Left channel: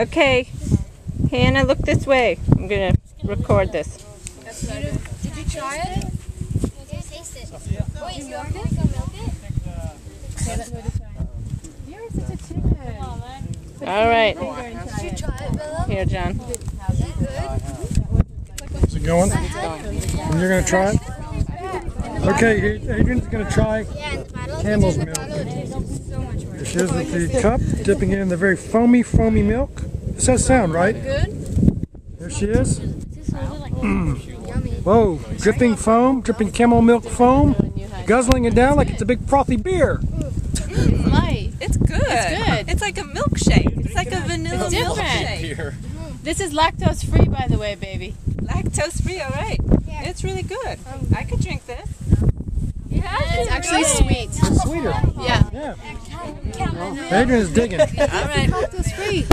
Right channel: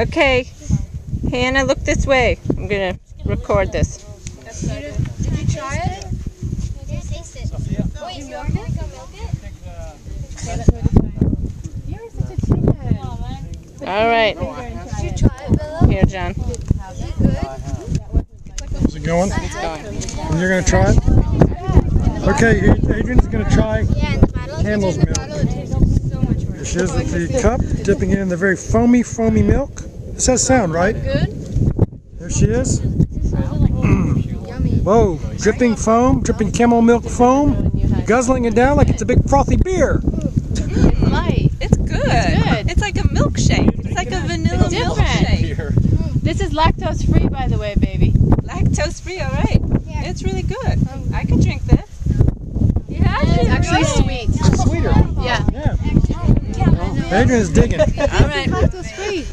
Okay, Hannah, look this way. I'm gonna record this. Did you try it? Taste it. Wait, you want me to go milk it? You're such a chicken. All right. Did you try it, Bella? Here, John. Is it good? Is it going? And you're going to try it? Okay, Adrian's going to try Yeah, in the bottle. Camel's milk. So much worse. Here she is with the cup, dipping it in the very foamy milk. This has sound, right? Good? There she is. Yummy. Whoa, dripping foam, dripping camel milk foam, guzzling it down like it's a big frothy beer. Light. It's good. It's like a milkshake. It's like a vanilla milkshake. This is lactose free, by the way, baby. Lactose free, all right. Yeah. It's really good. I could drink this. Yeah, it's actually sweet. It's sweeter. Yeah. Yeah. Adrian's digging. All right. Lactose free.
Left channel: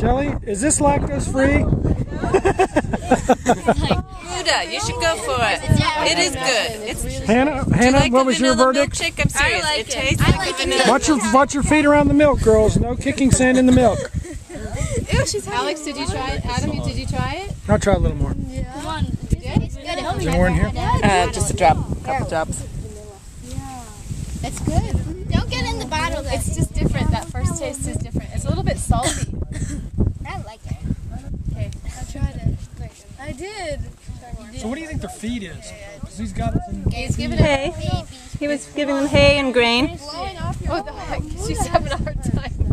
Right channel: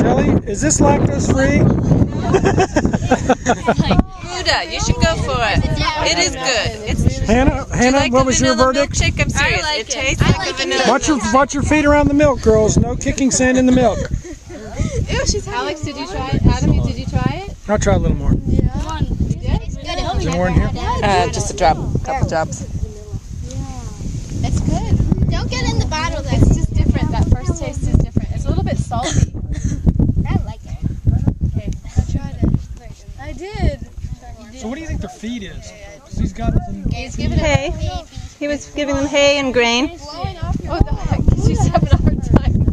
Shelly, is this lactose free? Huda, you should go for it. It is good. It's, Hannah, do you like what the was your vanilla verdict? milkshake? I'm serious. like it it. tastes I like like a it vanilla. Watch your feet around the milk, girls. No kicking sand in the milk. Alex, did you try it? Adam, did you try it? I'll try a little more. It's good. Is there more in here? Just a drop, couple drops. It's good. Don't get in the bottle though. It's just different. That first taste is different. It's a little bit salty. I like it. Okay. I tried it. I did. So what do you think their feed is? He's got some... He's giving it. Hay. He was giving them hay and grain. Blowing off your What the heck? She's having a hard time.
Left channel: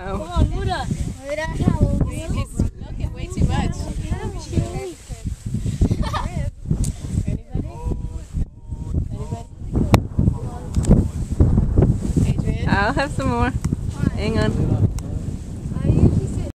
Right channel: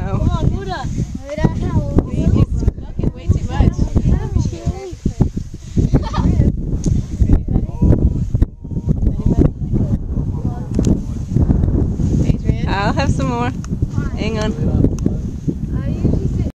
Oh. He's milking way too much. I'll have some more. Hang on.